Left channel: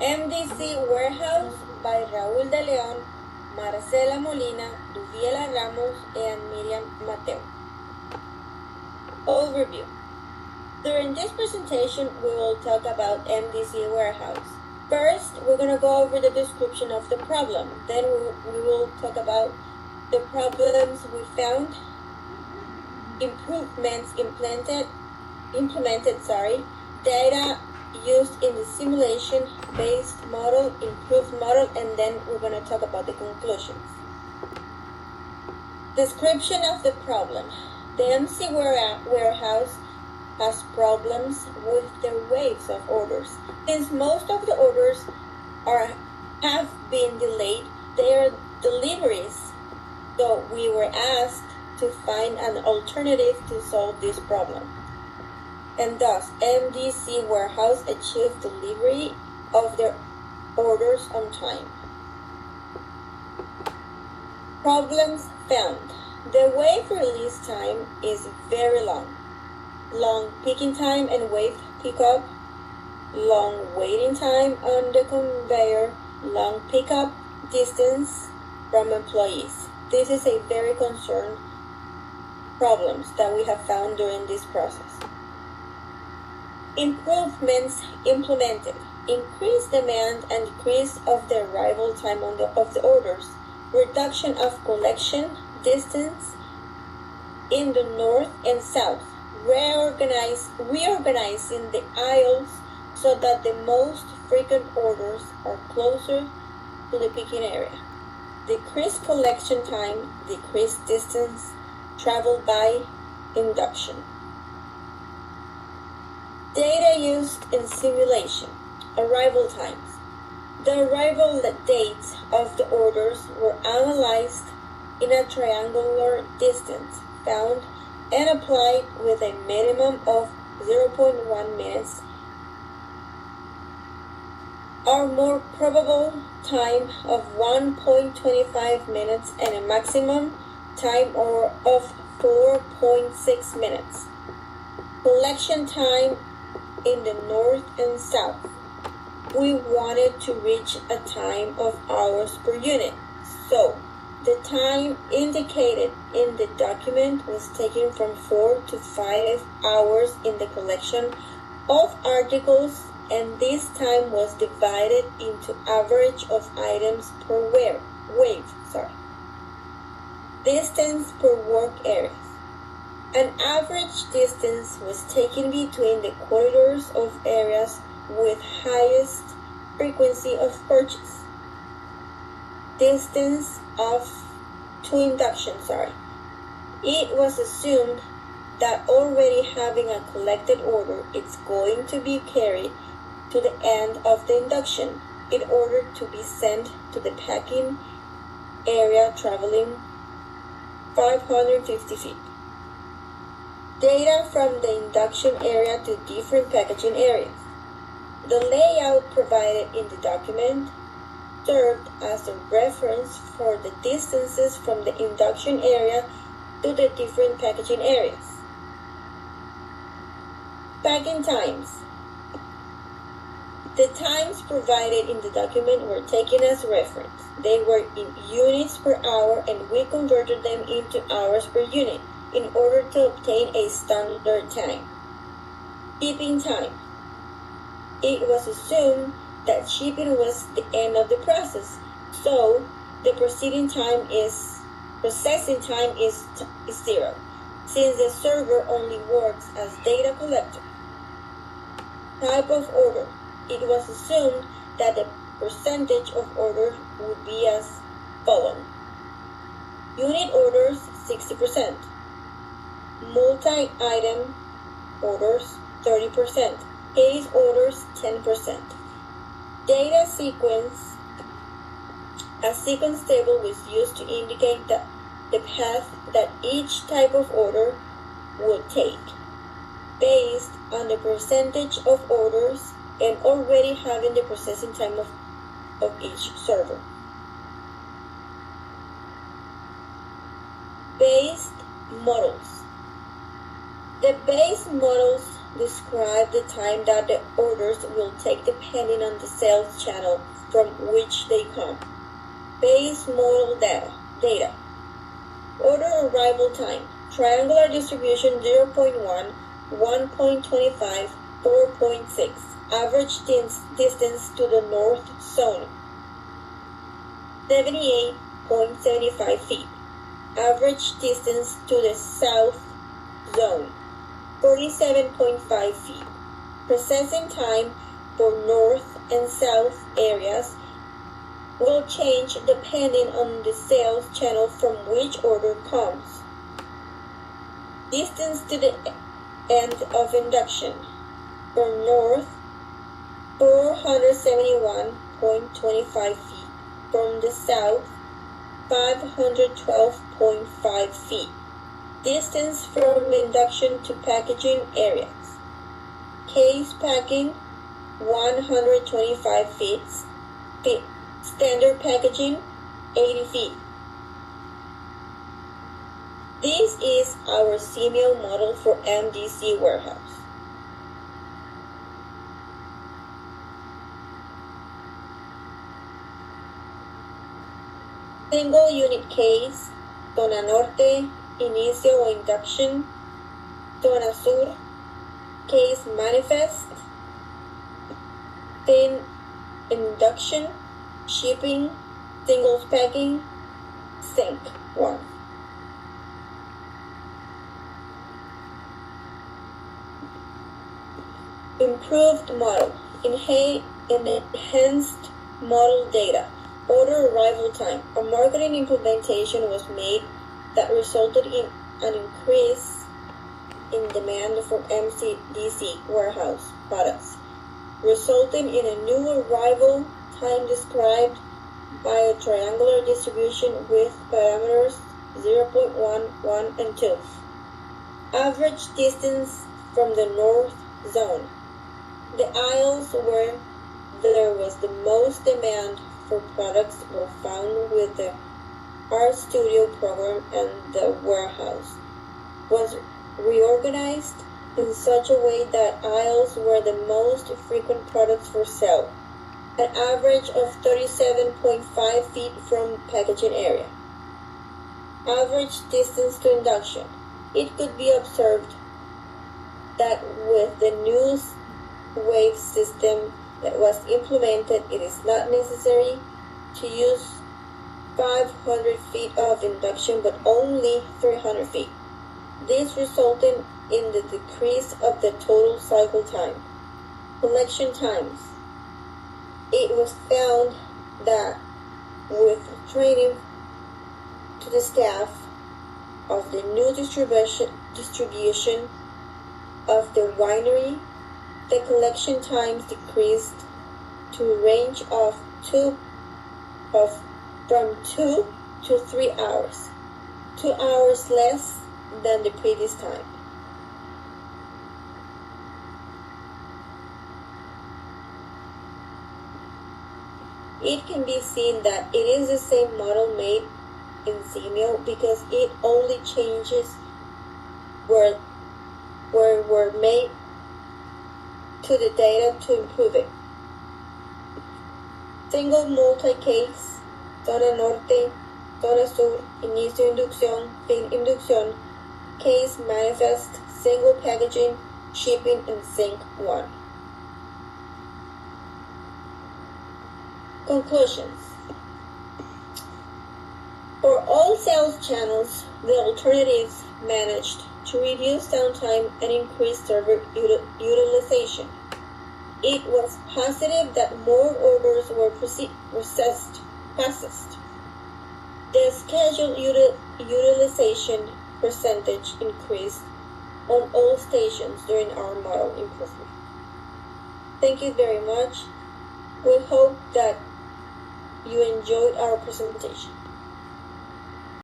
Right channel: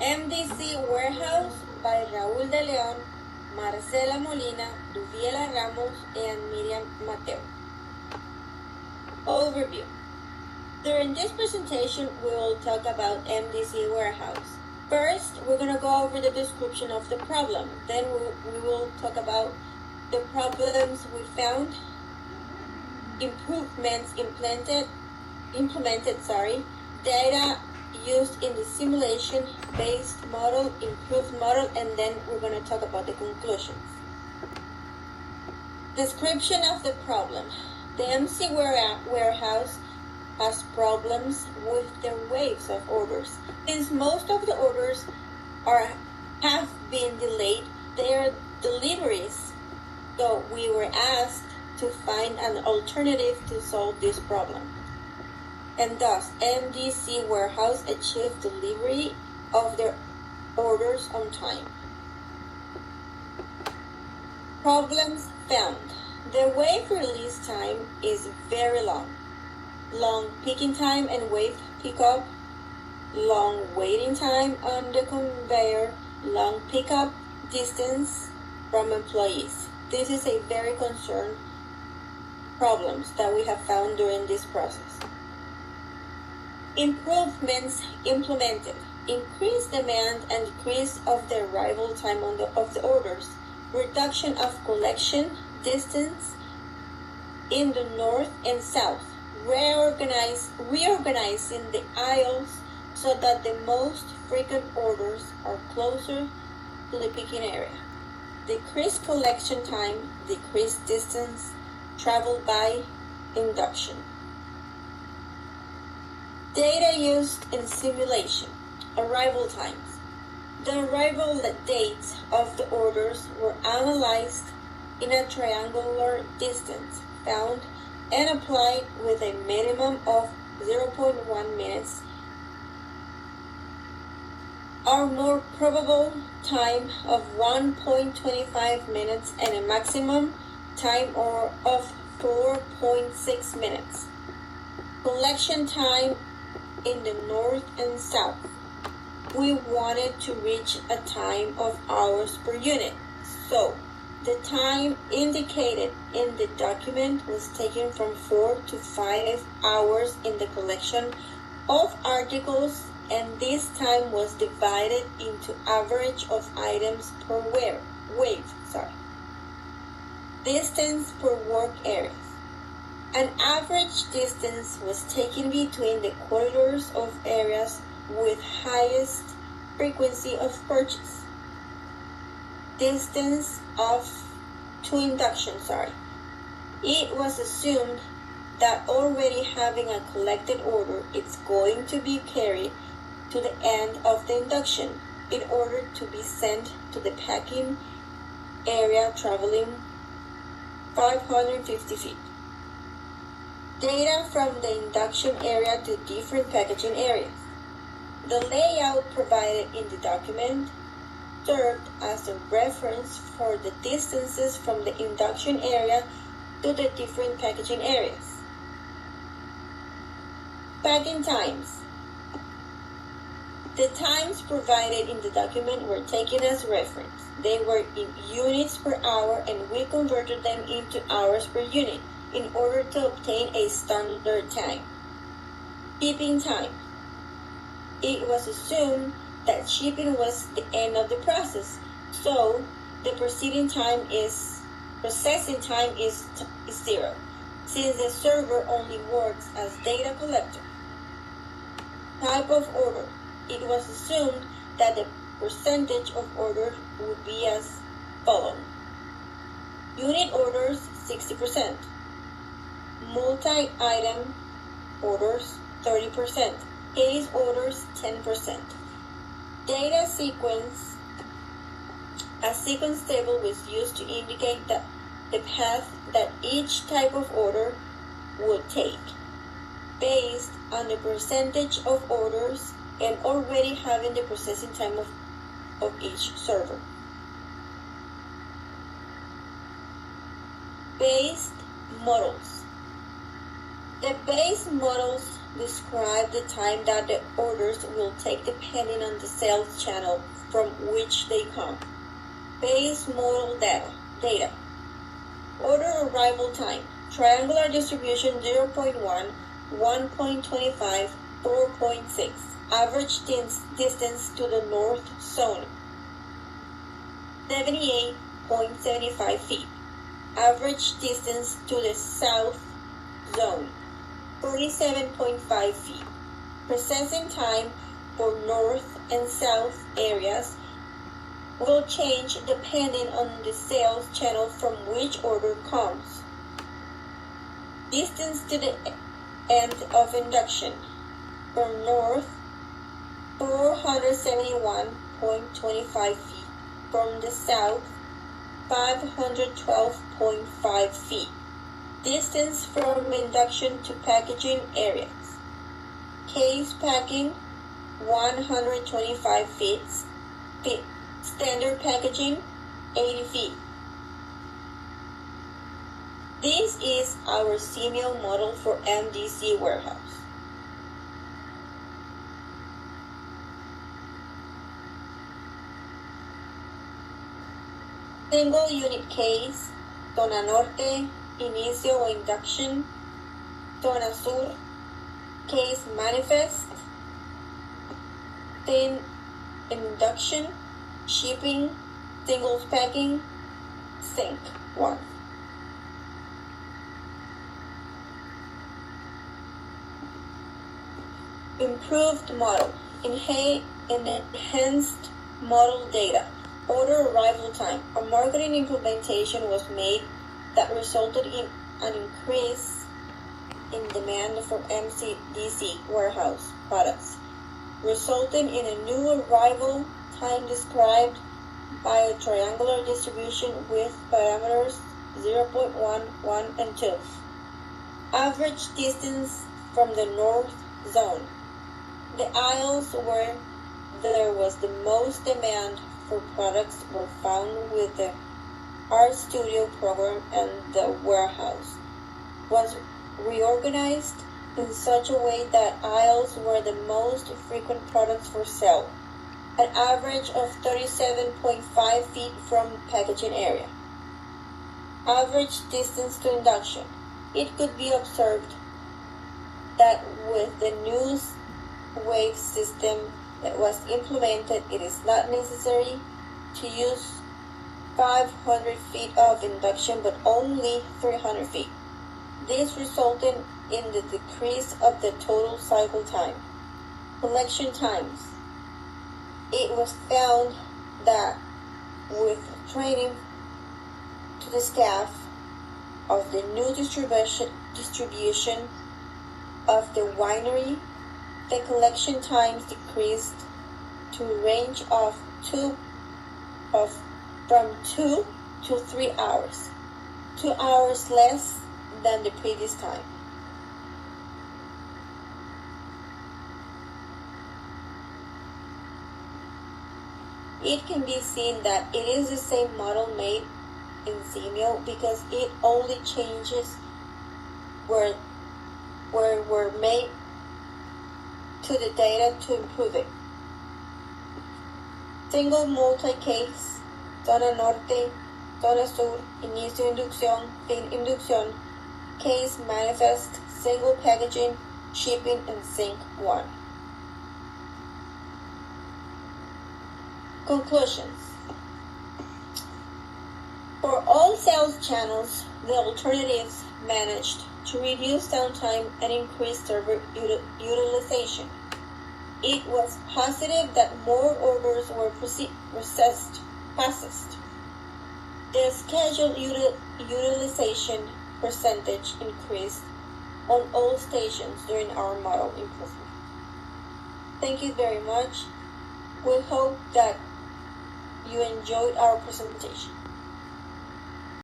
MDC Warehouse by Raúl de León, Marcela Molina, Duviela Ramos, and Miriam Mateo. Overview. During this presentation, we will talk about MDC Warehouse. First, we're going to go over the description of the problem. Then we will talk about the problems we found, improvements implemented, data used in the simulation-based model, improved model, and then we're going to talk about the conclusions. Description of the problem. The MC Warehouse has problems with their waves of orders. Since most of the orders have been delayed, their deliveries, so we were asked to find an alternative to solve this problem. And thus, MDC Warehouse achieved delivery of their orders on time. Problems found. The wave release time is very long. Long picking time and wave pickup. Long waiting time on the conveyor. Long pickup distance from employees. This is a very concerned problems that we have found during this process. Improvements implemented. Increased demand and decrease of the arrival time of the orders. Reduction of collection distance in the north and south. Reorganizing the aisles so that the most frequent orders are closer to the picking area. Decreased collection time, decreased distance traveled by induction. Data used in simulation. Arrival times. The arrival dates of the orders were analyzed in a triangular distance found and applied with a minimum of 0.1 minutes. Our more probable time of 1.25 minutes and a maximum time of 4.6 minutes. Collection time in the north and south. We wanted to reach a time of hours per unit, so the time indicated in the document was taken from 4 to 5 hours in the collection of articles, and this time was divided into average of items per wave. Distance per work areas. An average distance was taken between the corridors of areas with highest frequency of purchase. Distance to induction. It was assumed that already having a collected order, it's going to be carried to the end of the induction in order to be sent to the packing area traveling 550 feet. Data from the induction area to different packaging areas. The layout provided in the document served as a reference for the distances from the induction area to the different packaging areas. Packing times. The times provided in the document were taken as reference. They were in units per hour, and we converted them into hours per unit in order to obtain a standard time. Shipping time. It was assumed that shipping was the end of the process, so the processing time is 0, since the server only works as data collector. Type of order. It was assumed that the percentage of orders would be as follows. Unit orders 60%. Multi-item orders 30%. Case orders 10%. Data sequence. A sequence table was used to indicate the path that each type of order would take, based on the percentage of orders and already having the processing time of each server. Based models. The base models describe the time that the orders will take depending on the sales channel from which they come. Base model data. Order arrival time. Triangular distribution 0.1, 1.25, 4.6. Average distance to the north zone 78.75 feet. Average distance to the south zone 47.5 feet. Processing time for north and south areas will change depending on the sales channel from which order comes. Distance to the end of induction from north 471.25 feet. From the south 512.5 feet. Distance from induction to packaging areas. Case packing 125 feet. Standard packaging 80 feet. This is our CML model for MDC Warehouse. Single unit case, zona norte, inicio o induction, zona sur, case manifest, thin induction, shipping, singles packing, sync 1. Improved model, enhanced model data. Order arrival time. A marketing implementation was made that resulted in an increase in demand for MDC Warehouse products, resulting in a new arrival time described by a triangular distribution with parameters 0.1, 1, and 2. Average distance from the north zone. The aisles where there was the most demand for products were found with the Art Studio program, and the warehouse was reorganized in such a way that aisles were the most frequent products for sale, an average of 37.5 feet from packaging area. Average distance to induction. It could be observed that with the new wave system that was implemented, it is not necessary to use 500 feet of induction but only 300 feet. This resulted in the decrease of the total cycle time. Collection times. It was found that with training to the staff of the new distribution of the winery, the collection times decreased to a range of from 2 to 3 hours, 2 hours less than the previous time. It can be seen that it is the same model made in CML because it only changes where were made to the data to improve it. Single multi-case, zona norte, zona sur, inicio inducción, fin inducción, case manifest, single packaging, shipping, and sync 1. Conclusions. For all sales channels, the alternatives managed to reduce downtime and increase server utilization. It was positive that more orders were processed. The scheduled utilization percentage increased on all stations during our model improvement. Thank you very much. We hope that you enjoyed our presentation.